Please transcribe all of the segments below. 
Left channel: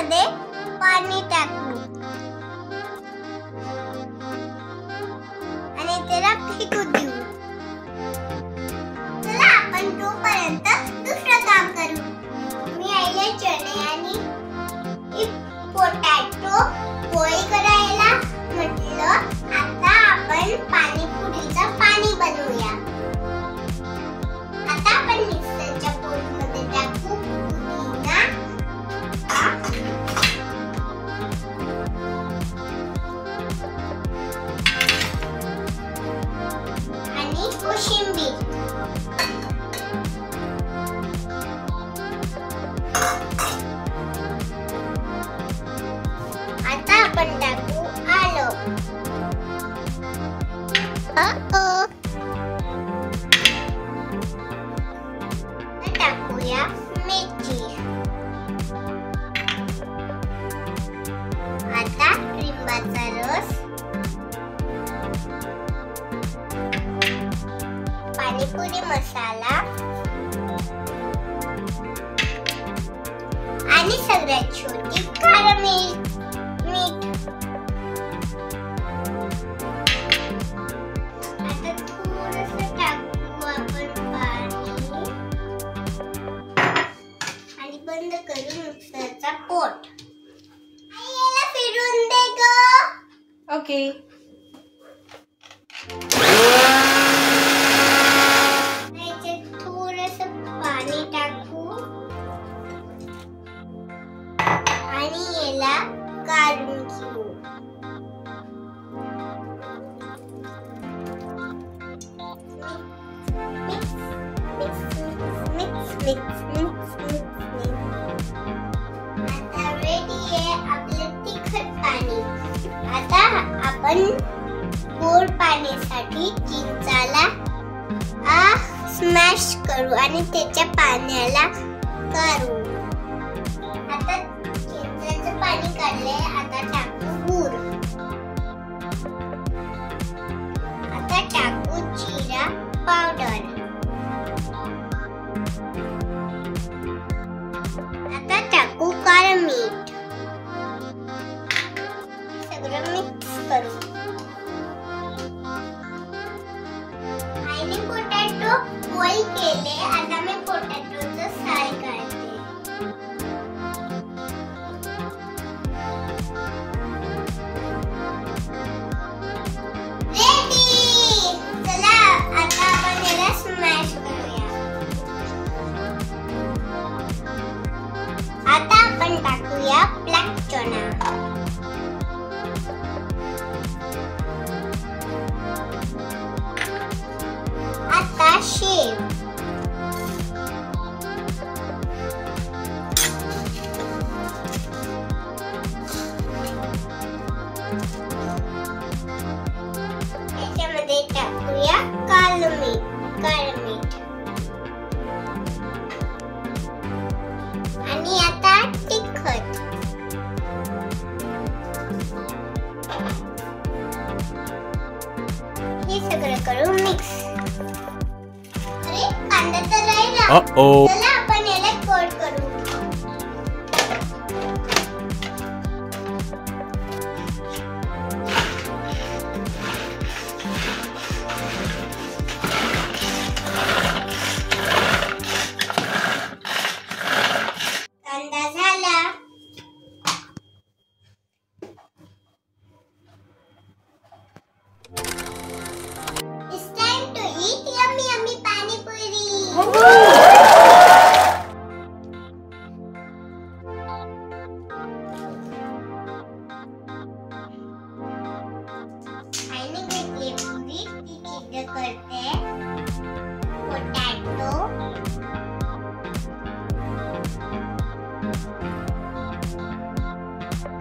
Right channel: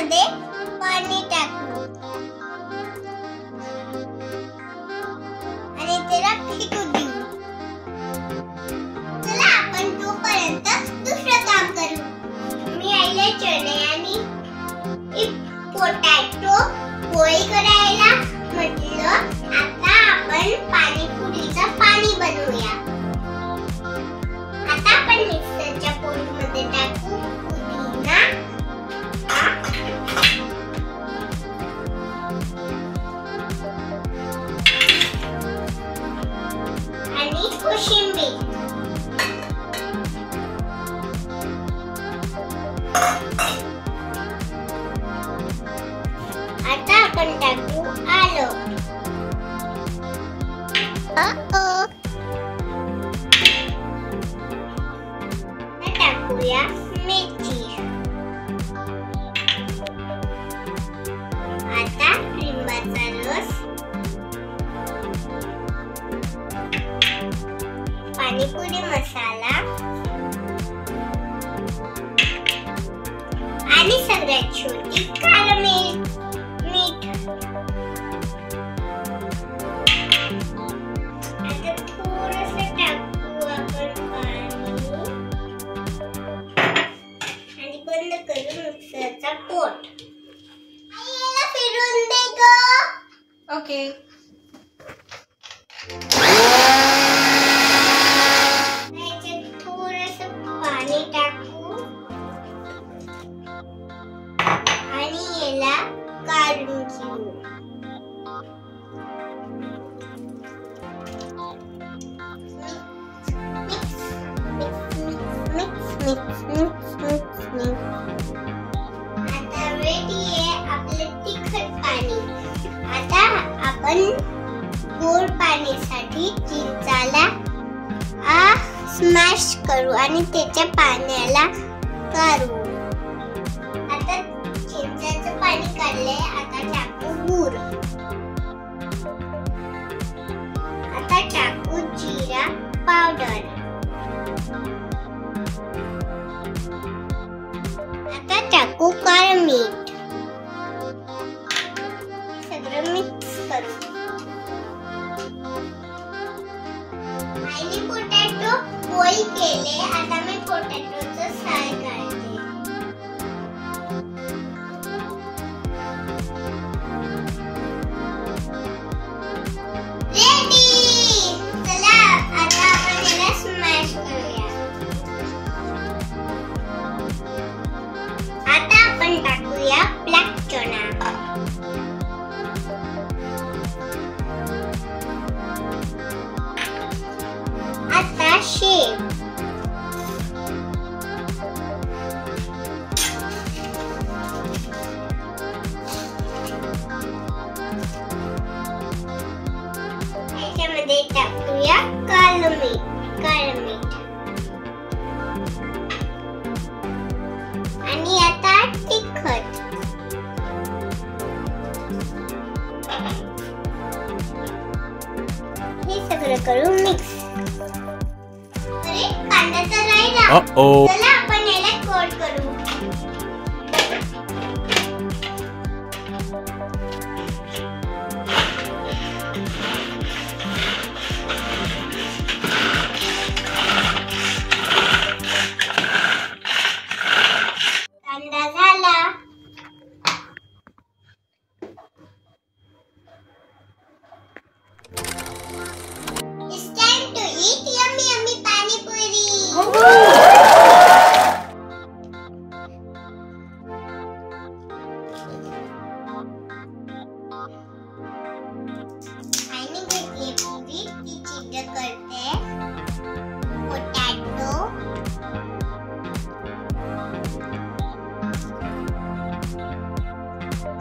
याच्यामध्ये पाणी टाकू आणि त्याला फेकू देऊ. चला आपण तोपर्यंत दुसरं काम करू. मी आईला चणे आणि पोटॅटो पोळी करायला म्हटलं. आता आपण पाणीपुरीचं पाणी बनवूया. आता आपण मिक्सरच्या पोळीमध्ये टाकू पुदिना आणि कोशिंबीर. आता आपण टाकू आलं. टाकूया मेथी. आता लिंबाचा रस, पाणीपुरी मसाला आणि सगळ्यात शेवटी काळं मीठ. आता थोडंसं टाकू आपण पाणी आणि बंद करू मिक्सरचा पोट. याला फिरून दे ग. ओके. याच्यात थोडंसं पाणी टाकू आणि याला काढून घेऊ. आता रेडी आहे आपलं तिखट पाणी. आता आपण गोड पाण्यासाठी चिंचाला स्मॅश करू आणि त्याच्या पाण्याला काढू. आता चिंचेचं पाणी काढलंय. आता टाकू गूळ. आता टाकू जिरा पावडर. आता टाकू काळं मीठ. सगळं मिक्स करू. आईने पोटॅटो पोळी केले. आता मी पोटॅटोचं साल काढते. रेडी. चला आता आपण याला स्मॅश करूया. आता आपण टाकूया ब्लॅक चणा. आता शेव. याच्यामध्ये टाकूया काळं मीठ. आणि आता तिखट. हे सगळं करू मिक्स. अरे कांदा तर राहिला. चला आपण याला कोट करू. कांदा झाला. It's time to eat yummy panipuri. आईने घेतली पुरी. ती चिल्ड करते. पोटॅटो,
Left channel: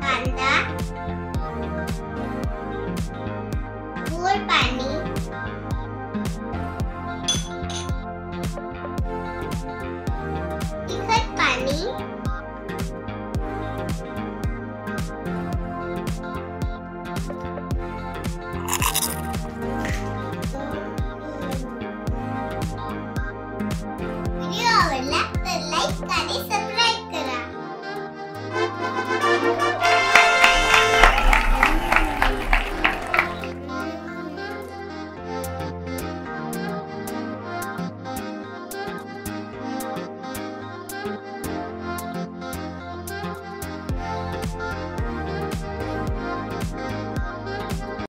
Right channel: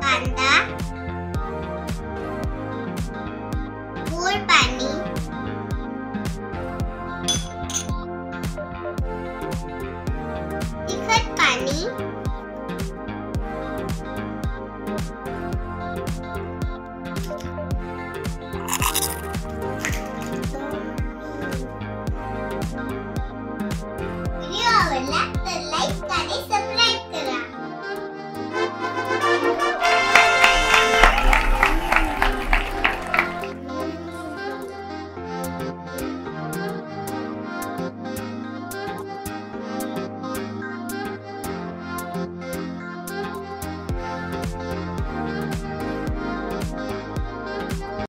कांदा, गोड पाणी, तिखट पाणी